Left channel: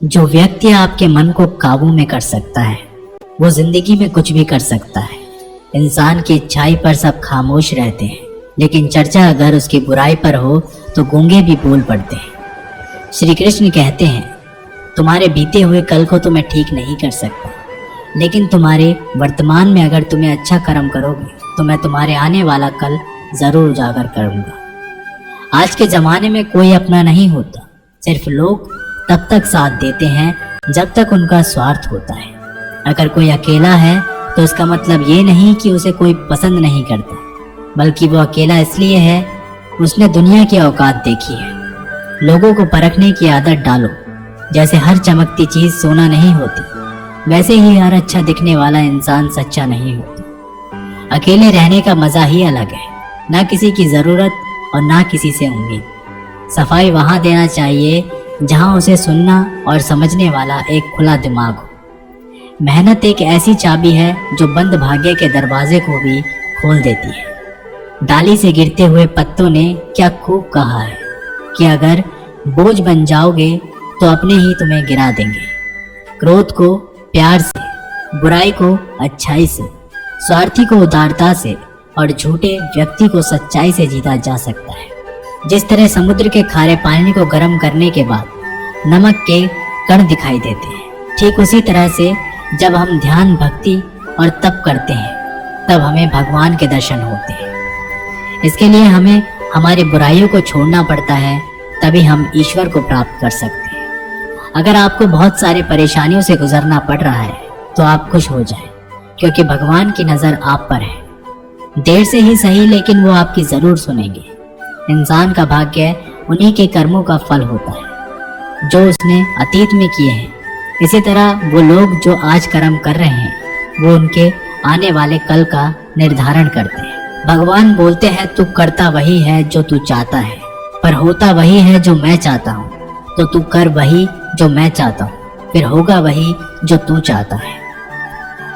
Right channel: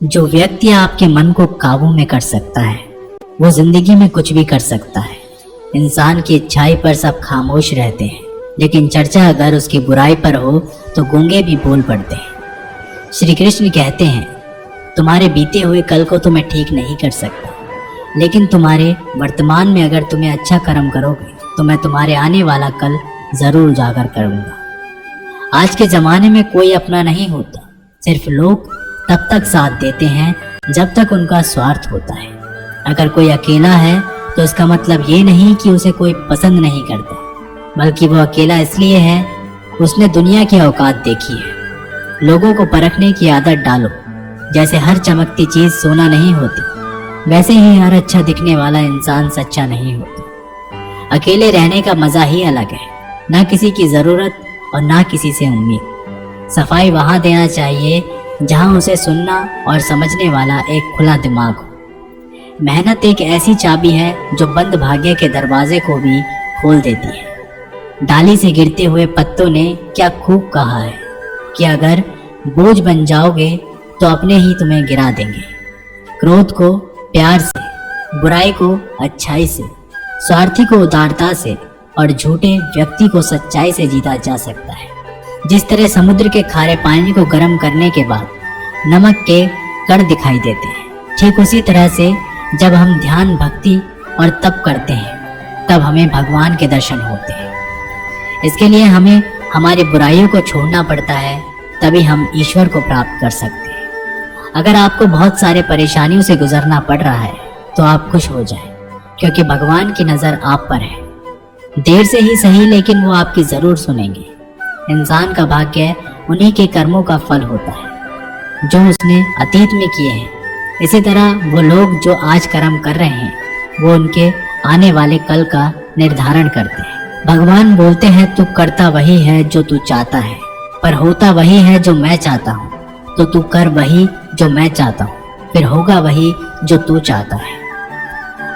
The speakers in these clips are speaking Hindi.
जो व्यक्ति आपके मन को काबू में कर सकता है वो जिंदगी में कुछ भी कर सकता है। इंसान की अच्छाई पर सब खामोश रहते हैं, लेकिन चर्चा अगर उसकी बुराई पर हो तो गूंगे भी बोल पड़ते हैं। श्री कृष्ण कहते हैं, तुम्हारे बीते हुए कल को तो मैं ठीक नहीं कर सकता, लेकिन तुम्हारे वर्तमान में अगर तुम्हें अच्छा कर्म करोगे तो मैं तुम्हारे आने वाला कल जरूर उजागर करूंगा। आज के जमाने में कोई अपना नहीं होता, सिर्फ लोग तब तक साथ देते हैं जब तक उनका स्वार्थ होता है। अगर कोई अकेला है तो इसका मतलब ये नहीं कि उसे कोई पसंद नहीं करता, बल्कि वो अकेला इसलिए है उसने दुनिया की औकात देखी है। लोगों को परखने की आदत डालो। जैसे हर चमकती चीज सोना नहीं होती, वैसे ही हर अच्छा दिखने वाला इंसान सच्चा नहीं होता। अकेले रहने का मजा ही अलग है, ना किसी की जरूरत और ना किसी से उम्मीद। सफाई वहां देना चाहिए जहां उसे सुनना और समझने वाला एक खुला दिमाग हो। मेहनत एक ऐसी चाबी है जो बंद भाग्य के दरवाजे को भी खोल देती है। डाली से गिरते हुए पत्तों ने क्या खूब कहा है कि अगर बोझ बन जाओगे तो अपने ही तुम्हें गिरा देंगे। क्रोध को प्यार से, बुराई को अच्छाई से, स्वार्थी को उदारता से और झूठे व्यक्ति को सच्चाई से जीता जा सकता है। जिस तरह समुद्र के खारे पानी को गर्म करने के बाद नमक के कण दिखाई देते हैं, ठीक उसी तरह से जब हम ध्यान, भक्ति और तप करते हैं तब हमें भगवान के दर्शन होते हैं। इसके लिए हमें हमारी बुराइयों को छोड़ना पड़ता है, तभी हम ईश्वर को प्राप्त कर सकते हैं। अगर आपको बहुत सारे परेशानियों से गुजरना पड़ रहा है तो आप खुश हो जाएं, क्योंकि भगवान की नजर आप पर है। देर से ही सही, लेकिन वो आपकी जरूर सुनेंगे। इंसान का भाग्य उन्हीं के कर्मों का फल होता है जो उसने अतीत में किए हैं। इसी तरह वो लोग जो आज कर्म कर रहे हैं वो उनके आने वाले कल का निर्धारण करते हैं। भगवान बोलते हैं, तू करता वही है जो तू चाहता है, पर होता वही है जो मैं चाहता हूँ। तो तू कर वही जो मैं चाहता हूँ, फिर होगा वही जो तू चाहता है।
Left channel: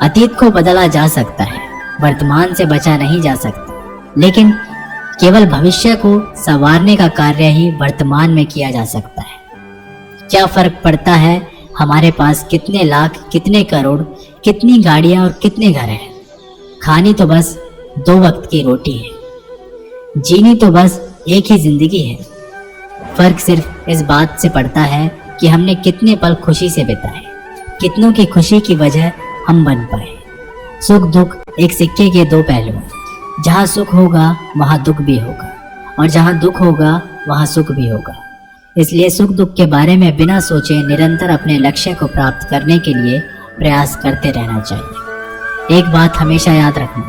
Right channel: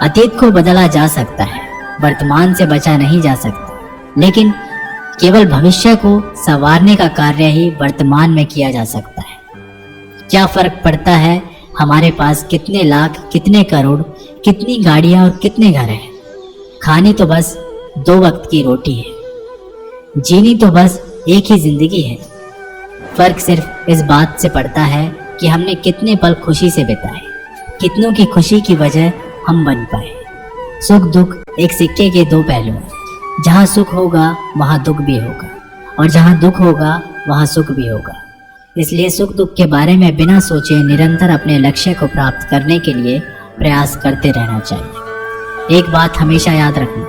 अतीत को बदला जा सकता है, वर्तमान से बचा नहीं जा सकता, लेकिन केवल भविष्य को संवारने का कार्य ही वर्तमान में किया जा सकता है। क्या फर्क पड़ता है हमारे पास कितने लाख, कितने करोड़, कितनी गाड़ियां और कितने घर हैं। खानी तो बस 2 वक्त की रोटी है, जीनी तो बस एक ही जिंदगी है। फर्क सिर्फ इस बात से पड़ता है कि हमने कितने पल खुशी से बिताए, कितनों की खुशी की वजह हम बन पाए। सुख दुख एक सिक्के के 2 पहलू हैं। जहाँ सुख होगा वहाँ दुख भी होगा, और जहाँ दुख होगा वहाँ सुख भी होगा। इसलिए सुख दुख के बारे में बिना सोचे निरंतर अपने लक्ष्य को प्राप्त करने के लिए प्रयास करते रहना चाहिए। एक बात हमेशा याद रखना,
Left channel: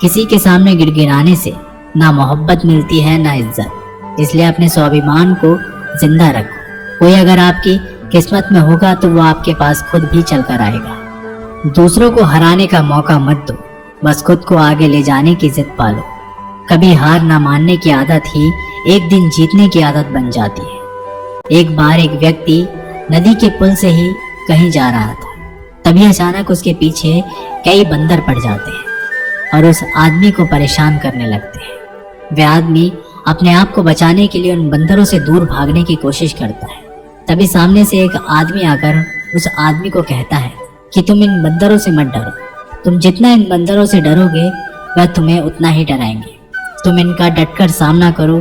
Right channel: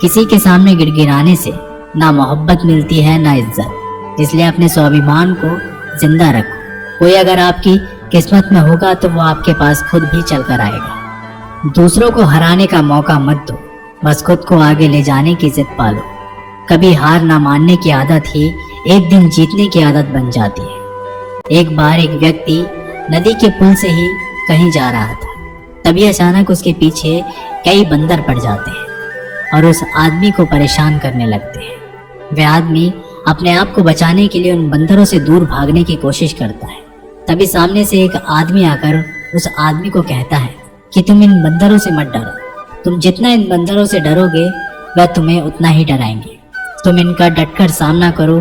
किसी के सामने गिड़गिड़ाने से ना मोहब्बत मिलती है ना इज्जत। इसलिए अपने स्वाभिमान को जिंदा रखो। कोई अगर आपकी किस्मत में होगा तो वो आपके पास खुद भी चलकर आएगा। दूसरों को हराने का मौका मत दो, बस खुद को आगे ले जाने की जिद पालो। कभी हार ना मानने की आदत ही एक दिन जीतने की आदत बन जाती है। एक बार एक व्यक्ति नदी के पुल से ही कहीं जा रहा था, तभी अचानक उसके पीछे कई बंदर पड़ जाते हैं और उस आदमी को परेशान करने लगते हैं। वह आदमी अपने आप को बचाने के लिए उन बंदरों से दूर भागने की कोशिश करता है। तभी सामने से एक आदमी आकर उस आदमी को कहता है कि तुम इन बंदरों से मत डरो, तुम जितना इन बंदरों से डरोगे वह तुम्हें उतना ही डराएंगे। तुम इनका डटकर सामना करो।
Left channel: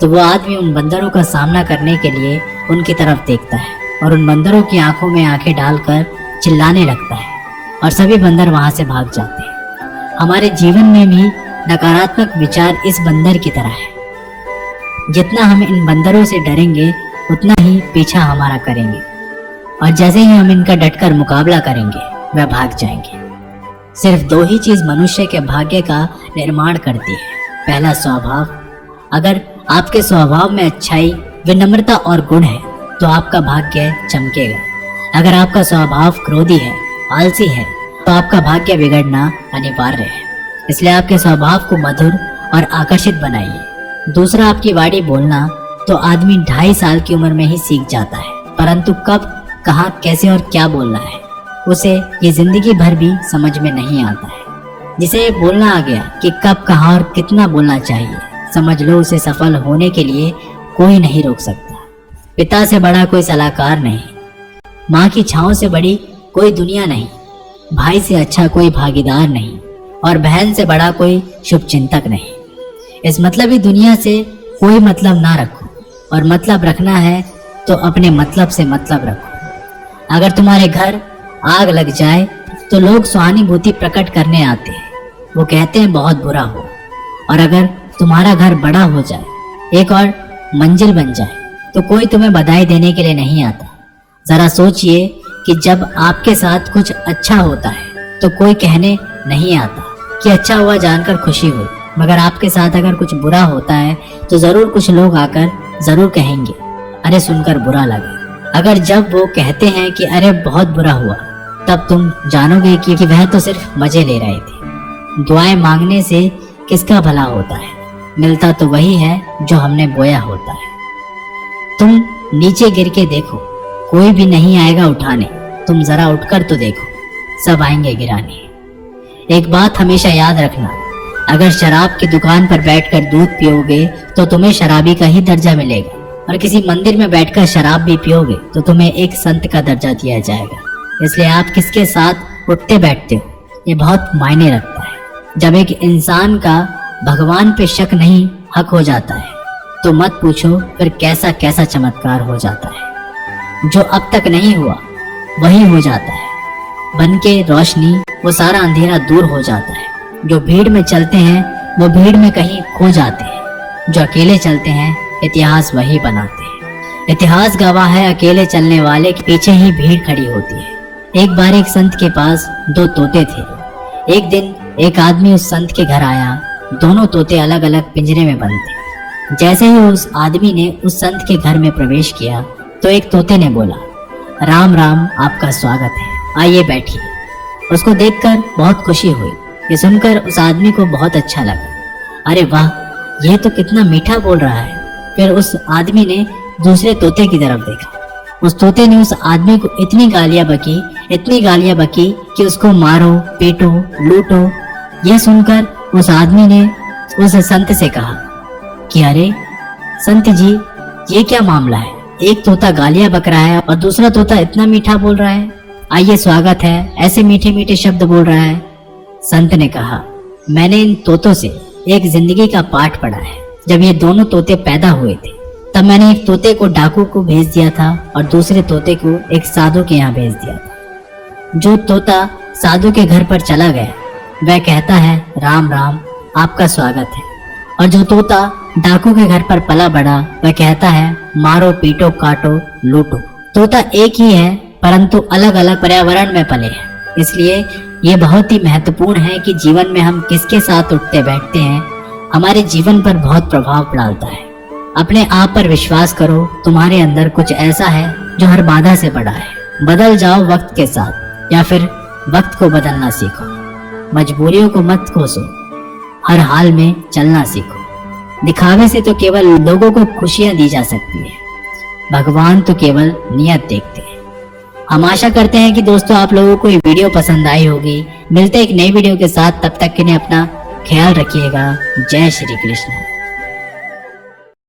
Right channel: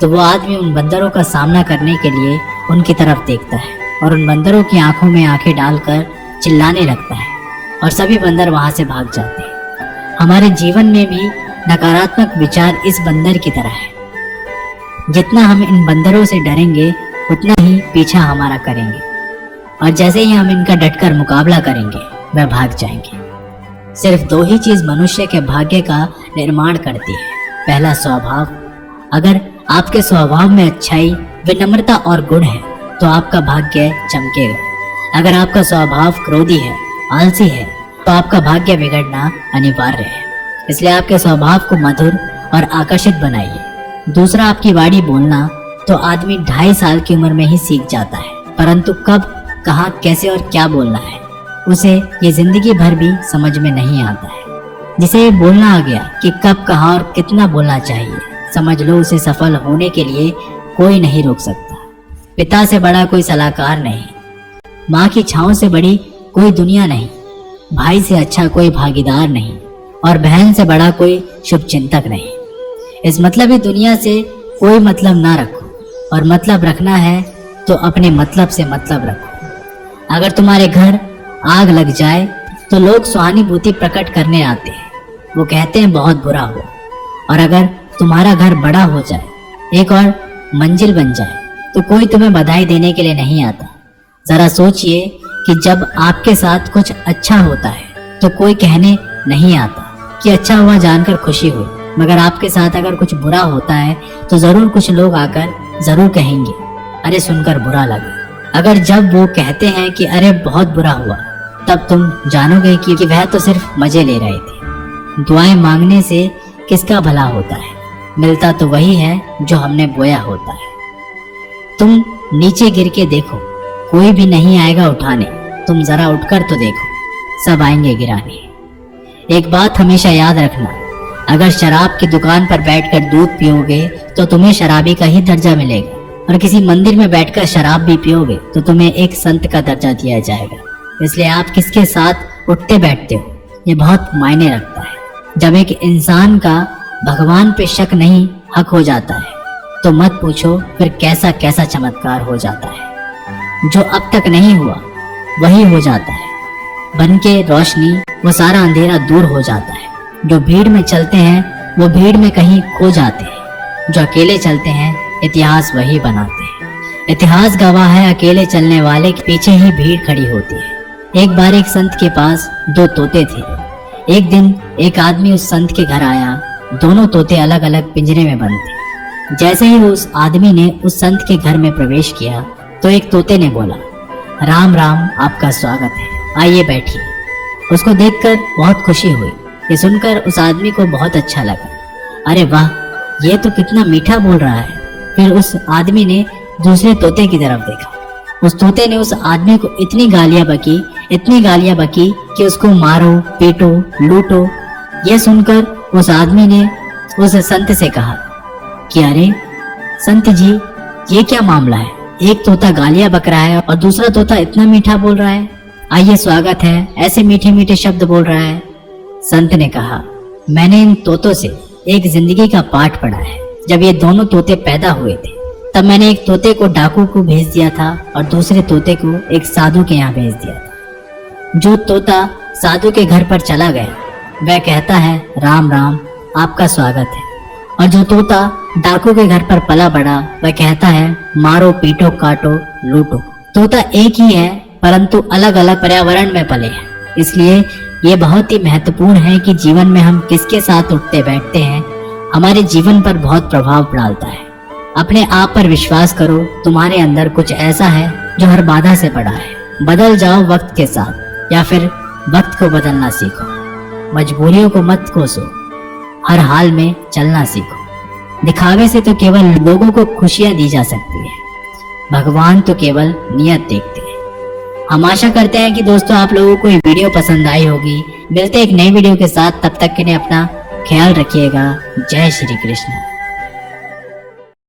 तो वो आदमी उन बंदरों का सामना करने के लिए उनकी तरफ देखता है और उन बंदरों की आंखों में आंखें डालकर चिल्लाने लगता है, और सभी बंदर वहां से भाग जाते हैं। हमारे जीवन में भी नकारात्मक विचार इस बंदर की तरह है। जितना हम इन बंदरों से डरेंगे उतना ही पीछा हमारा करेंगे, और जैसे ही हम इनका डटकर मुकाबला करेंगे वह भाग जाएंगे। सिर्फ 2 ही चीज मनुष्य के भाग्य का निर्माण करती है। पहला, स्वभाव। अगर आपके स्वभाव में अच्छाई, विनम्रता और गुण है तो आपका भाग्य चमकेगा। अगर आपका स्वभाव क्रोधी है, आलसी है, तो आपका भाग्य बिगड़ना अनिवार्य है। इसलिए आपके स्वभाव को मधुर और आकर्षित बनाइए। दूसरा, आपकी वाणी बोलना तो आदमी 2.5 साल की उम्र में ही सीख जाता है, परंतु कब, कहाँ, कैसे और क्या बोलना है उसे ये जिंदगी भर भी समझ में नहीं आता है। जिसे ये बोलना आ गया कि कब, कहाँ और कितना बोलना चाहिए, समझ लो उसे सफल होने के लिए कोई नहीं रोक सकता। पिता से बड़ा कोई सलाहकार नहीं। माँ की छाँव से बड़ी कोई दुनिया नहीं, भाई से अच्छा कोई भागीदार नहीं, और बहन से बड़ा कोई शुभचिंतक नहीं। इस मतलबी दुनिया से कोई मतलब ना रखो, और मतलब रखना है तो अपने मतलब से मतलब रखो। अगर तुम्हारे घर आग लग जाए तो लोग सहानुभूति प्रकट करने आते हैं, वो कहते हैं बहुत बुरा हो। और अगर तुम्हारा घर बड़ा हो जाए, एक और मंजिल बन जाए, तो कोई तुम्हें बधाई देने के लिए नहीं आता। जरा सोचिए कि जब आपके साथ कुछ अच्छा होता है तो कोई कहने नहीं आता कि अच्छा हुआ जानकर खुशी हुई, मगर आपके साथ अगर कुछ बुरा होता है तो जरूर कुछ लोग आकर जरूर कहेंगे अरे सुनकर बुरा लगा। अगर जब वो कहते हैं कि अरे बहुत बुरा हुआ, तब तुम जानोगे कि वह तो सिर्फ मजे ले रहे थे। दुआएं मांगने से किसका भला होता है, मिलता तो वही है जो हमने बोया होता है। तुम नीचे गिर के देखो, कोई भी नहीं आएगा उठाने, तुम जरा उठकर तो देखो, सब आएंगे गिराने। एक बात हमेशा याद रखना, अगर शराब की दुकान पर बैठकर दूध पियोगे तो तुम्हें शराबी का ही दर्जा मिलेगा, और किसी मंदिर में बैठकर शराब भी पियोगे तो तुम्हें एक संत का दर्जा दिया जाएगा। इसलिए आप किसके साथ उठते बैठते हो ये बहुत मायने रखता है। जब एक इंसान का भगवान पे शक नहीं हक हो जाता है तो मत पूछो फिर कैसा कैसा चमत्कार हो जाता है। जो अब तक नहीं हुआ वही हो जाता है, बन के रोशनी वो सारा अंधेरा दूर हो जाता है। जो भीड़ में चलते हैं वो भीड़ में कहीं खो जाते हैं, जो अकेले चलते हैं इतिहास वही बनाते हैं। इतिहास गवाह है अकेले चलने वाले के पीछे ही भीड़ खड़ी होती है। एक बार एक संत के पास 2 तोते थे। एक दिन एक आदमी उस संत के घर आया, दोनों तोते अलग अलग पिंजरे में बंद थे। जैसे ही उस आदमी ने उस संत के घर में प्रवेश किया तो एक तोते ने बोला, राम राम, आपका स्वागत है, आइए बैठिए। उसको देखकर बहुत खुशी हुई। ये सुनकर उस आदमी को बहुत अच्छा लगा, अरे वाह, यह तो कितना मीठा बोल रहा है। फिर उस आदमी ने दूसरे तोते की तरफ देखा। उस तोते ने उस आदमी को इतनी गालियां बकी कि उसको मारो, पीटो, लूटो। यह सुनकर उस आदमी ने उस संत से कहा कि अरे संत जी, ये क्या मामला है? एक तोता गालियां बक रहा है और दूसरा तोता इतना मीठा बोल रहा है, आइए स्वागत है, ऐसे मीठे मीठे शब्द बोल रहा है। संत ने कहा, मैंने इन तोतों से एक जिंदगी का पाठ पढ़ा है। जब ये दोनों तोते पैदा हुए थे तब मैंने एक तोते को डाकू को भेज दिया था और दूसरे तोते को एक साधु के यहाँ भेज दिया था। जो तोता साधु के घर पर चला गया वह कहता है राम राम, आपका स्वागत है, और जो तोता डाकू के घर पर पला बड़ा वह कहता है मारो, पीटो, काटो, लूटो। तोता एक ही है परंतु अलग अलग पर्यावरण में पले हैं। इसलिए ये बहुत ही महत्वपूर्ण है कि जीवन में हम किसके साथ उठते बैठते हैं हमारे जीवन पर बहुत प्रभाव डालता है। अपने आप पर विश्वास करो, तुम्हारे अंदर कुछ ऐसा है जो हर बाधा से बड़ा है। बदल जाओ वक्त के साथ, या फिर वक्त को बदलना सीखो। मजबूरियों को मत कोसो, हर हाल में चलना सीखो। दिखावे से तो केवल लोगों को खुशियां दी जा सकती है, भगवान तो केवल नियत देखते हैं। हम आशा करते हैं कि दोस्तों आप लोगों को ये वीडियो पसंद आई होगी। मिलते हैं एक नई वीडियो के साथ, तब तक के लिए अपना ख्याल रखिएगा। जय श्री कृष्ण।